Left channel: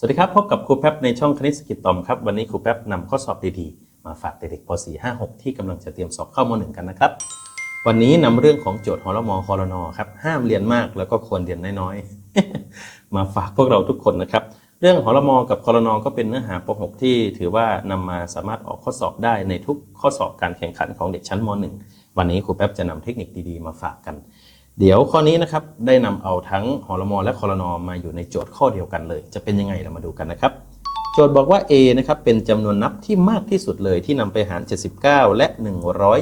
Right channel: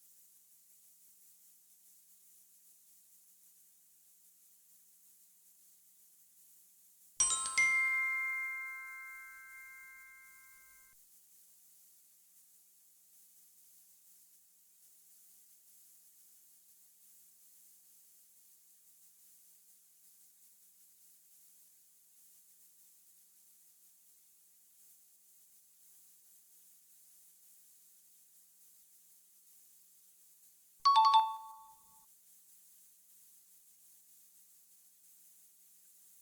สวัสดีครับ พบกับครูแป๊บในช่องคณิตสกิจตอมครับ วันนี้ครูแป๊บนำข้อสอบดีๆ มาฝากเด็กๆป .4 5 6 ที่กำลังจะเตรียมสอบเข้ามหนึ่งกันนะครับ วันนี้นำเรื่องของโจทย์หอรมอคอรนอครับ ห้ามเรียนมากแล้วก็ควรเรียนน้อยๆ มาฝากพวกเราทุกคนนะครับ เรื่องหอรมอกับคอรนอก็เป็นเนื้อหาป .6 ที่ถือว่านำมาสามารถออกข้อสอบได้ในทุกข้อสอบการแข่งขันของเด็กชั้นม .1 วันนี้ครูแป๊บจะนำเทคนิคดีๆ มาฝากกัน เดี๋ยวข้อนี้นะครับได้นำเอาทั้งหอรมอและคอรนอมาอยู่ในโจทย์ข้อเดียวกันเลย จะเป็นยังไงเรามาดูกันนะครับ โจทย์บอกว่า A นะครับเป็นจำนวนนับที่มากที่สุดเลยที่นำไปหาร 79 และ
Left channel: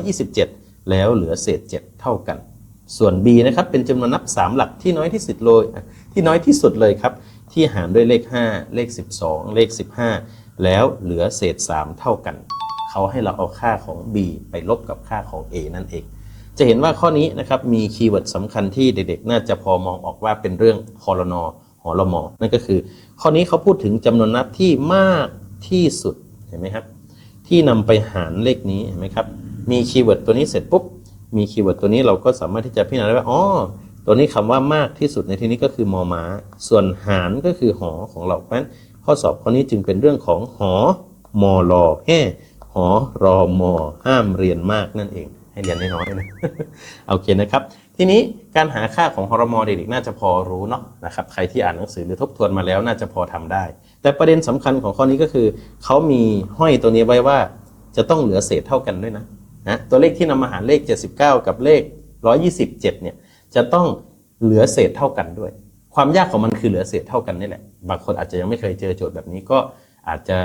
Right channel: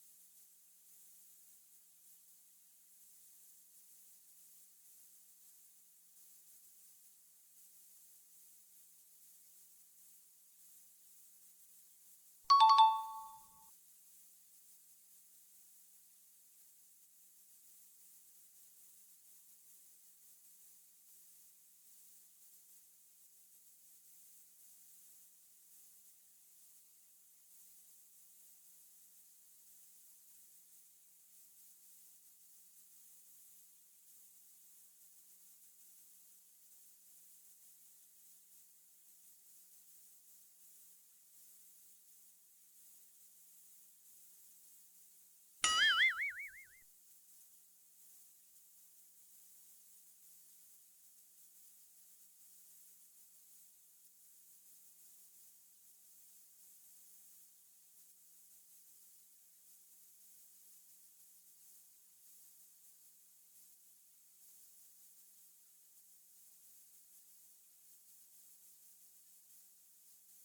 127 แล้วเหลือเศษ 7 เท่ากัน ส่วน B นะครับเป็นจำนวนนับ 3 หลักที่น้อยที่สุดเลยที่น้อยที่สุดเลยครับที่หารด้วยเลข 5 เลข 12 เลข 15 แล้วเหลือเศษ 3 เท่ากัน เขาให้เราเอาค่าของ B ไปลบกับค่าของ A นั่นเอง จะเห็นว่าข้อนี้นะครับมีคีย์เวิร์ดสำคัญที่เด็กๆ น่าจะพอมองออกว่าเป็นเรื่องคอรนอหอรมอนั่นก็คือ ข้อนี้เขาพูดถึงจำนวนนับที่มากที่สุดเห็นไหมครับ ที่นำไปหารเลขนี้เห็นไหมครับมีคีย์เวิร์ดตัวนี้เสร็จปุ๊บมีคีย์เวิร์ดตัวนี้เราก็สามารถที่จะพิจารณาได้ว่าอ๋อตัวนี้คำว่ามากที่สุดในที่นี้ก็คือมอม้า ส่วนหารก็คือหอของเราเพราะฉะนั้นข้อสอบข้อนี้จึงเป็นเรื่องของหอมอรอแห่หอรอมอห้ามเรียนมากนั่นเอง ให้เรียนน้อยๆนะโอเคนะครับ ทีนี้การหาค่าของฮอร์โมนเด็กๆน่าจะพอรู้เนาะนะครับใครที่อ่านหนังสือหรือทบทวนมาแล้วน่าจะพอทำได้ แต่ประเด็นสำคัญของข้อนี้ก็คือเขามีห้อยตัวนี้ไว้ว่าจะต้องเหลือเศษเท่ากันด้วยนะนะตัวเลขที่นำมาหารเลข 79 กับเลข 127เนี่ยจะต้องเหลือเศษเท่ากันด้วย ความยากของมันคือเหลือเศษเท่ากันนี่แหละบางคนอาจจะยังไม่เคยเจอโจทย์แบบนี้ก็อาจจะ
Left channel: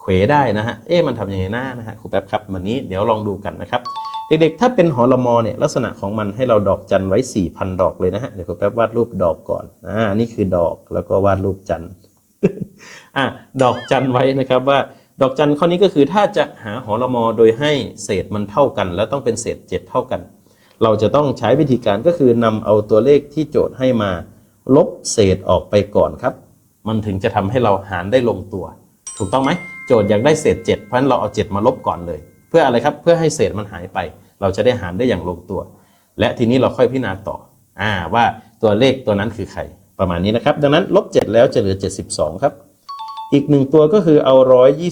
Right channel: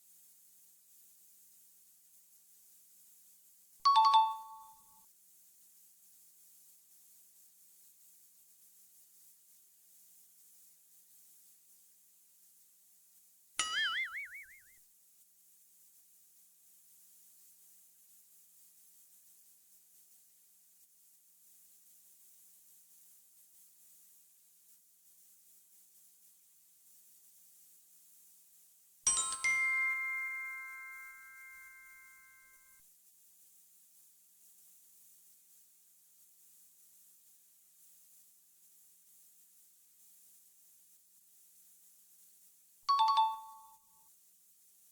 เขวได้นะฮะเอ๊ะมันทำยังไงหน้านะฮะครูแป๊บครับวันนี้เดี๋ยวลองดูกันนะครับ เด็กๆ ถ้าเป็นหอละมอเนี่ยลักษณะของมันให้เราดอกจันไว้ 4,000 ดอกเลยนะฮะ เดี๋ยวครูแป๊บวาดรูปดอกก่อน อ่า นี่คือดอกแล้วก็วาดรูปจันอะดอกจันไว้นะครับว่าดอกจันข้อนี้ก็คือถ้าจะหาหอละมอโดยให้เศษมันเท่ากัน แล้วต้องเป็นเศษ 7 เท่ากัน เราจะต้องใช้วิธีการก็คือนำเอาตัวเลขที่โจทย์ให้มา ลบเศษออกไปก่อนครับ มันถึงจะทำให้เราหารได้ลงตัว ถูกต้องไหมโจทย์อยากได้เศษ 7 เพราะฉะนั้นเราเอา 7 มาลบก่อนเลย เพื่ออะไรครับเพื่อให้เศษมันหายไป เราจะได้หารได้อย่างลงตัว และทีนี้เราค่อยพิจารณาต่ออ่าว่าตัวเลขตัวนั้นคือใครประมาณนี้นะครับ ดังนั้นลบ7แล้วจะเหลือ 72 ครับ อีกหนึ่งตัวก็คือเอา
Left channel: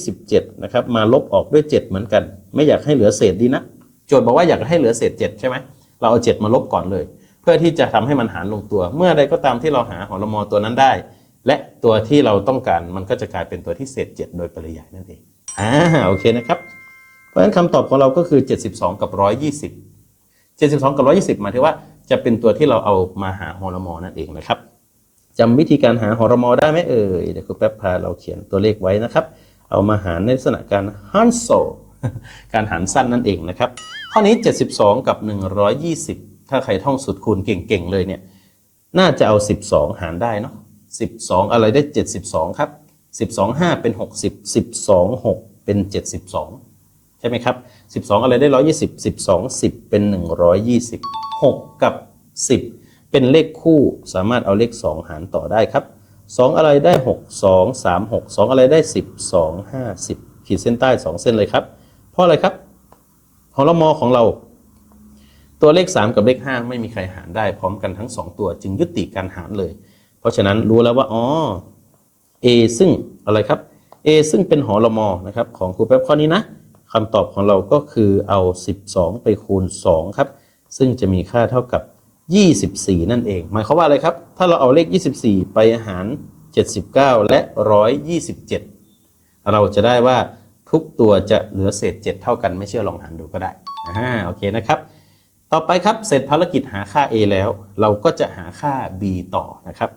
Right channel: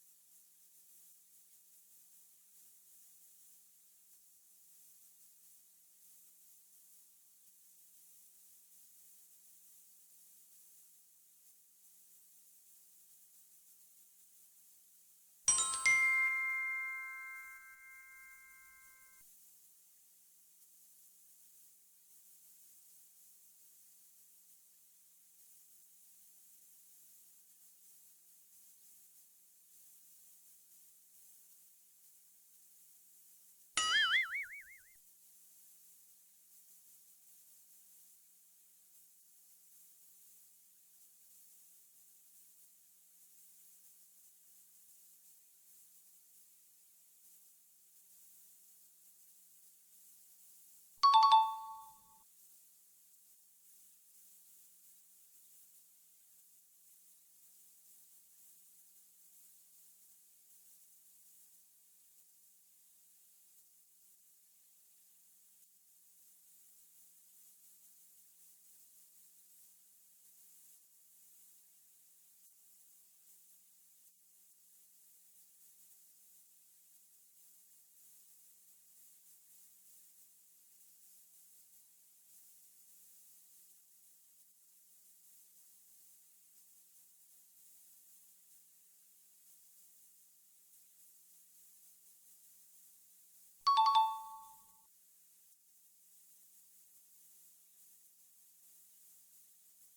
127 นะครับ มาลบออกด้วย 7 เหมือนกัน ไม่อยากให้เหลือเศษดีนะ โจทย์บอกว่าอยากให้เหลือเศษ 7 ใช่ไหมเราเอา 7 มาลบก่อนเลย เพื่อที่จะทำให้มันหารลงตัว เมื่อใดก็ตามที่เราหาหอละมอตัวนั้นได้ และตัวที่เราต้องการมันก็จะกลายเป็นตัวที่เศษ 7 โดยปริยายนั่นเองอ่าโอเคนะครับ ราะฉะนั้นคำตอบของเราก็คือ 72 กับ 120 72 กับ 120 หมายถึงว่าจะเป็นตัวที่เราเอามาหาฮอร์โมนนั่นเองนะครับจำวิธีการหาฮอร์โมนได้ไหมเอ่ยเดี๋ยวคุณแป๊บพาเราเขียนตัวเลขไว้นะครับ เอามาหารในลักษณะการฮันโซการหารสั้นนั่นเองนะครับข้อนี้ 72 กับ 120 ถ้าใครท่องสูตรคูณเก่งๆเลยเนี่ยน่าจะเอา 12 หารได้เนาะ12 อะไรได้ 72 ครับ 12 5 เป็น 60 12 6 เป็น 72 ช่ไหมครับ 12 อะไรได้ 120 12 10 เป็น 120 6 กับ 10 เป็นเลขคู่สามารถเอาเลข 2 หารต่อได้ครับ 2 อะไรได้ 6 2 3 6 2 อะไรได้ 10 2 5 10ขีดเส้นใต้ 2 เส้นเลยครับ เพราะอะไรครับหอละมอของเรา ตัวเลข 3 กับเลข 5 ไม่มีใครหารได้พร้อมกันทั้ง 2 ตัวจึงยุติการหารเลย เพราะฉะนั้นรู้แล้วว่าอ๋อ A ซึ่งอะไรครับ A ซึ่งเป็นหอละมอนะครับของครูแป๊บข้อนี้นะ คำตอบของเราก็คือเอา 12 ไปคูณ 2 ครับ ซึ่งจะมีค่าเท่ากับ 24 นั่นเอง หมายความว่าอะไรครับ ถ้าเราเอาเลข 24 ไปหาร 79 และ 127 เราจะได้ว่าทุกตัวจะเหลือเศษ 7 เท่ากัน ไม่เชื่อลองหารดูก็ได้ อ่า โอเคนะครับ ต่อไปครับ เสร็จภารกิจหาค่า a แล้ว เราก็จะหาค่า b ต่อนะครับ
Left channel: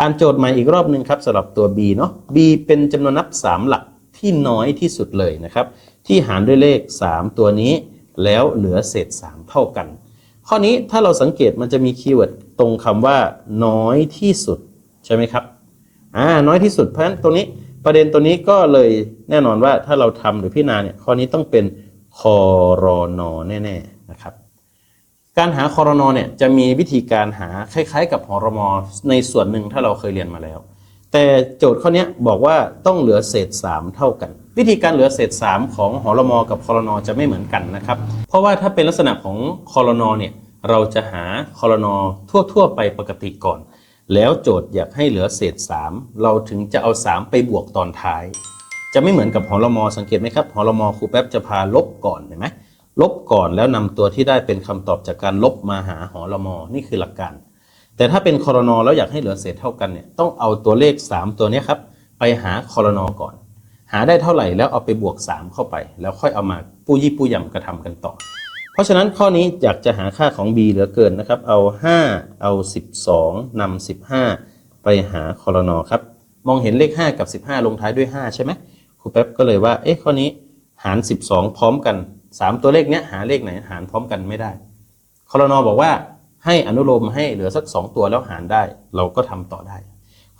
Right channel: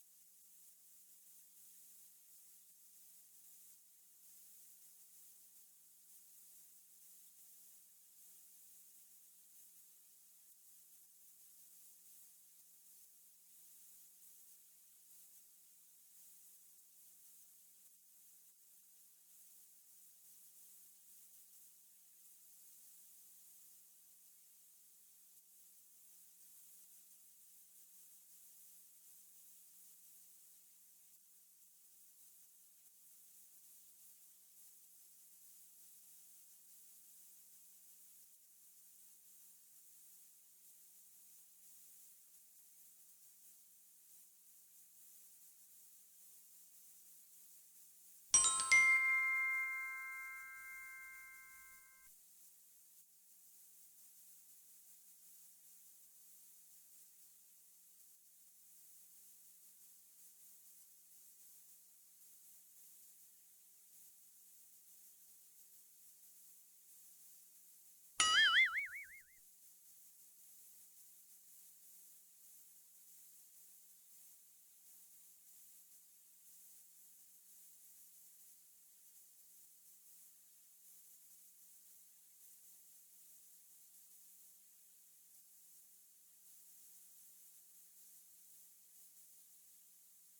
อ่านโจทย์ใหม่อีกรอบหนึ่งครับสำหรับตัว b เนาะ b เป็นจำนวนนับ 3 หลักที่น้อยที่สุดเลยนะครับ ที่หารด้วยเลข 3 ตัวนี้ แล้วเหลือเศษ 3 เท่ากัน ข้อนี้ถ้าเราสังเกตมันจะมีคีย์เวิร์ดตรงคำว่า น้อยที่สุดใช่ไหมครับอ่าน้อยที่สุดเพราะฉะนั้นตรงนี้ประเด็นตัวนี้ก็เลยแน่นอนว่าถ้าเราทำหรือพิจารณาเนี่ยข้อนี้ต้องเป็นคอรอนอแน่ๆนะครับการหาคอรนอเนี่ยจะมีวิธีการหาคล้ายๆ กับหอรมอในส่วนหนึ่งถ้าเราเคยเรียนมาแล้ว แต่โจทย์ข้อนี้บอกว่าต้องเหลือเศษ 3 เท่ากัน วิธีการเหลือเศษ 3 ของหอรมอกับคอรนอจะไม่เหมือนกันนะครับ เพราะว่าถ้าเป็นลักษณะของคอรนอเนี่ยเราจะหาคอรนอทั่ว ๆ ไปปกติก่อน แล้วโจทย์อยากให้เหลือเศษ 3 เราถึงจะเอา 3 ไปบวกตอนท้าย จะไม่เหมือนกับหอลมอสังเกตไหมครับหอลมอครูแป๊บจะพาลบก่อนเห็นไหมลบก่อนแล้วนำตัวที่ได้เป็นคำตอบจากการลบมาหาหอลมอนี่คือหลักการ แต่ถ้าเป็นคอรนอแล้วอยากให้เหลือเศษเท่ากันเนี่ยต้องเอาตัวเลข 3 ตัวนี้ครับไปหาคอรนอก่อน หาได้เท่าไหร่แล้วเอาไปบวก 3 เข้าไป แล้วค่อยเอามาปู้ยี่ปู้ยำกระทำกันต่อ เพราะฉะนั้นข้อนี้อยากจะหาค่าของ b เหลือเกินนะครับ เอา 5 เอา 12นำ15 ไปหาคอรนอครับ มองเห็นเลข 5 กับ 15 ลงท้ายด้วย 5 ใช่ไหมครูแป๊บก็เลยว่าเอ๊ะข้อนี้หาร 12 พร้อมกัน 3 ตัวเลขเนี้ยหาเลขไหนหารพร้อมกันไม่ได้คอรนอบอกว่าให้อนุโลมให้เหลือสัก 2 ตัวแล้วหารได้ เราก็ทำต่อได้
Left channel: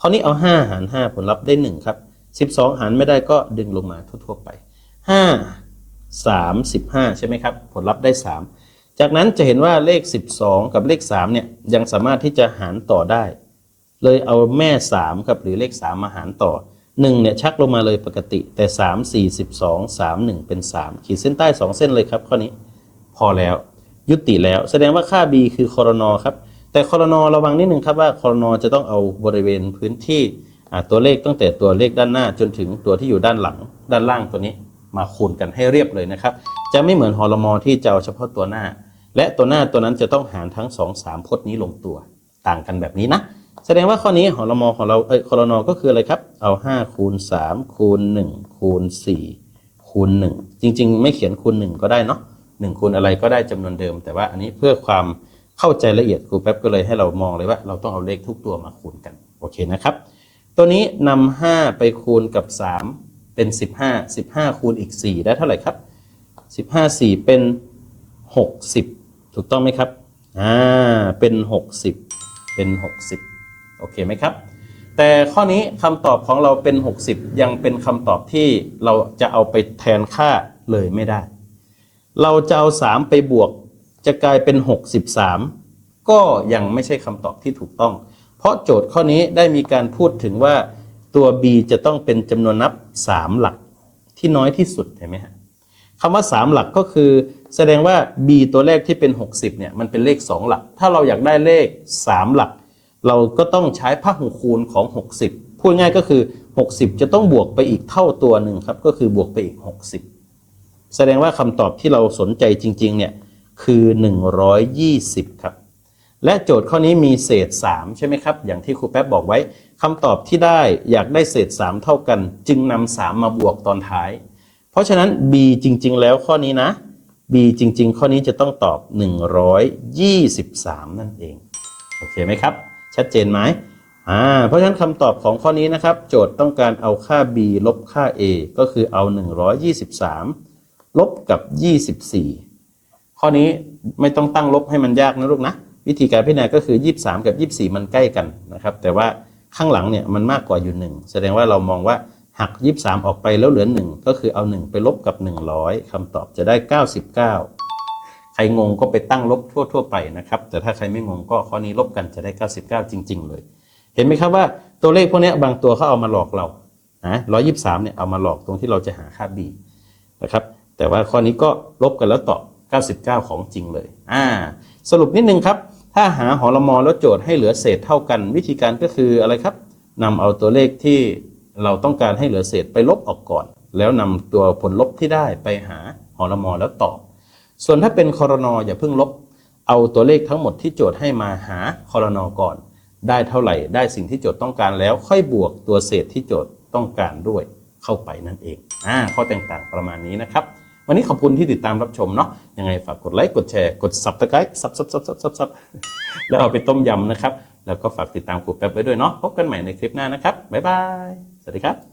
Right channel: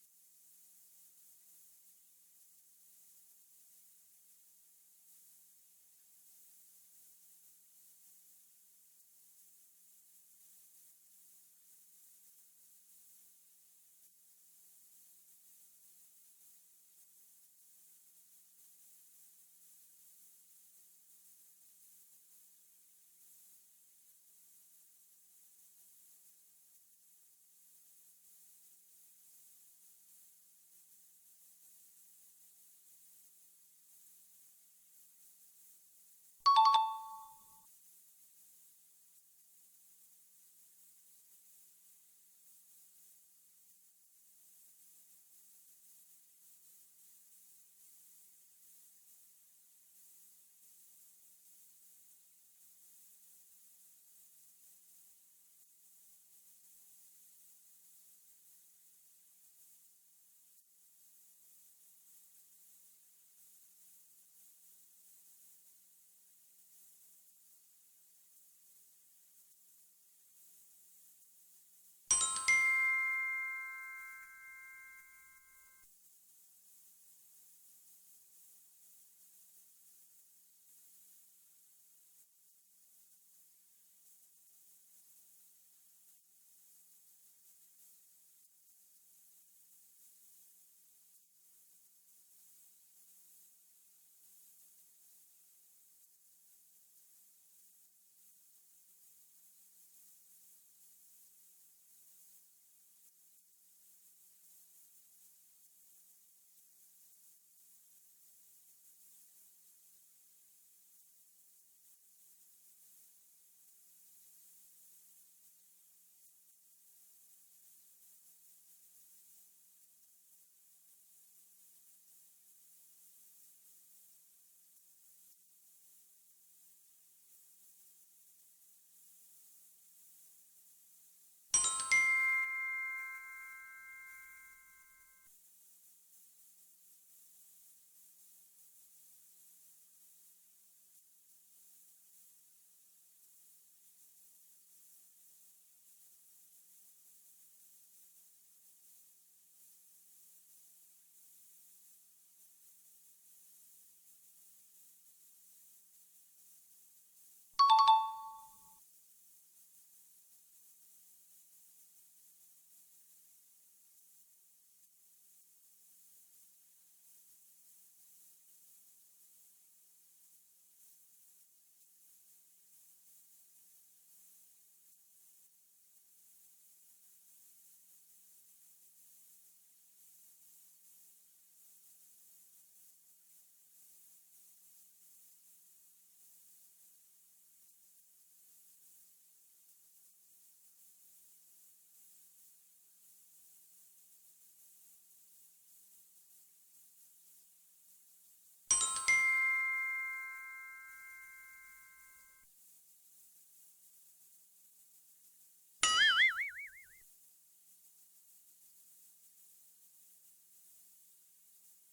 ข้อนี้เอา 5 หาร 5 ผลลัพธ์ได้1ครับ 12 หารไม่ได้ก็ดึงลงมาทั่วๆไป 5 3 15 ใช่ไหมครับ ผลลัพธ์ได้ 3 จากนั้นจะเห็นว่าเลข 12 กับเลข3เนี่ยยังสามารถที่จะหารต่อได้ เลยเอาแม่3ครับหรือเลข 3 มาหารต่อ 1 เนี่ยชักลงมาเลยปกติ แต่ 3 4 12 3 1 เป็น 3 ขีดเส้นใต้ 2 เส้นเลยครับข้อนี้พอแล้วยุติแล้ว แสดงว่าค่า b คือคอรนอครับแต่คอรนอระวังนิดหนึ่งครับว่าคอรนอจะต้องเอาบริเวณพื้นที่ ตัวเลขตั้งแต่ตัวเลขด้านหน้าจนถึงตัวที่อยู่ด้านหลังด้านล่างตัวนี้ มาคูณกันให้เรียบเลยนะครับ จะไม่เหมือนฮอลมอที่จะเอาเฉพาะตัวหน้า และตัวหน้าตัวนั้นจะต้องหารทั้ง 2 3พจน์นี้ลงตัว ต่างกันแบบนี้นะ แสดงว่าข้อนี้ฮอลมอของเราเอ้ยคอรนอก็คืออะไรครับ เอา5คูณ3คูณ1คูณ4คูณ1จริง ๆ ไม่เขียนคูณ1ก็ได้เนาะ1คูณอะไรก็ได้จำนวนเดิม แต่ว่าอันนี้เพื่อความเข้าใจละเอียดครูแป๊บก็เลยให้เรามองเลยว่า เราต้องเอาเลขทุกตัวมาคูณกันโอเคนะครับ ตัวนี้นำ5ไปคูณกับ 3 เป็น 15 15 คูณอีก 4 ได้เท่าไหร่ครับ 15 4 เป็น 60 ถูกต้องไหมครับ อ่า เป็น 60 เป็น 60 โอเคไหมครับ แต่ข้อนี้คำตอบของเราเป็น 60 ยังเป็นคำตอบที่เราจะเอาไปแทนค่าเลยไม่ได้ เราจะเอา 3 ไปบวกจะกลายเป็น 63 ก็ยังไม่ใช่คำตอบที่ถูกต้อง เพราะโจทย์ข้อนี้ได้มีการพูดถึงว่าตัว b จะต้องเป็นจำนวนนับ 3 หลักที่น้อยที่สุดเห็นไหมฮะคำว่า 3 หลักก็คือ แสดงว่า b ตัวแรกที่เป็น 60เนี่ยมันเป็นเลข 2 หลัก ถ้าเราอยากได้เลข 3 หลัก เราก็ต้องใช้พหูคูณของ 60 พูดง่ายก็คือ 60 จะต้องบวกไปอีกเท่าตัวหนึ่งครับก็คือบวกไปอีก 60 แสดงว่าคำตอบที่เราสนใจจริงๆเนี่ยคือ 120 ครับ และโจทย์ข้อนี้มีเศษ 3 ใช่ไหมครับ อย่างที่ครูแป๊บบอกไว้คำตอบที่ได้อยากได้เศษ 3 เท่ากัน จึงนำ3มาบวกตอนท้าย เพราะฉะนั้น b จริง ๆ แล้วข้อนี้นะ b จริง ๆ ข้อนี้จะต้องตอบ 123 นั่นเอง โอเคไหมครับ ชัดเจนไหมอ่าเพราะฉะนั้นคำตอบของข้อนี้นะครับ โจทย์ต้องการเอาค่า b ลบค่า a ก็คือเอา 123 ลบกับ 24 ข้อนี้ไม่ต้องตั้งลบให้มันยากนะลูกนะ วิธีการพิจารณาก็คือ 23 กับ 24 มันใกล้กันนะครับแต่ว่าข้างหลังเนี่ยมันมากกว่าอยู่ 1 แสดงว่าเรามองว่าหัก 23 ออกไปแล้วเหลือ 1 ก็คือเอา 1 ไปลบกับ 100คำตอบจะได้ 99 ใครงงก็ไปตั้งลบทั่ว ๆ ไปนะครับ แต่ถ้าใครไม่งงก็ข้อนี้ลบกันจะได้ 99 จริง ๆ เลย เห็นไหมครับว่าตัวเลขพวกนี้บางตัวเขาเอามาหลอกเรานะ123 เนี่ยเอามาหลอกตรงที่เราจะหาค่า b นะครับแต่ว่าข้อนี้ก็ลบกันแล้วตอบ 99 ของจริงเลยอ่าสรุปนิดนึงครับ ถ้าหาหอลมอแล้วโจทย์ให้เหลือเศษเท่ากัน วิธีการก็คืออะไรครับนำเอาตัวเลขที่เราต้องการให้เหลือเศษไปลบออกก่อน แล้วนำตัวผลลบที่ได้ไปหาหอลมอแล้วตอบ ส่วนถ้าเป็นคอรนออย่าเพิ่งลบ เอาตัวเลขทั้งหมดที่โจทย์ให้มาหาคอรนอก่อน ได้เท่าไหร่ได้สิ่งที่โจทย์ต้องการแล้วค่อยบวกตัวเศษที่โจทย์ต้องการด้วยเข้าไปนั่นเองอ่าข้อแตกต่างประมาณนี้นะครับ วันนี้ขอบคุณที่ติดตามรับชมเนาะยังไงฝากกดไลค์กดแชร์กด subscribe ซับซับซับซับซับซับแล้วเอาไปต้มยำนะครับ แล้วก็ฝากติดตามครูแป๊บไว้ด้วยเนาะพบกันใหม่ในคลิปหน้านะครับบ๊ายบายสวัสดีครับ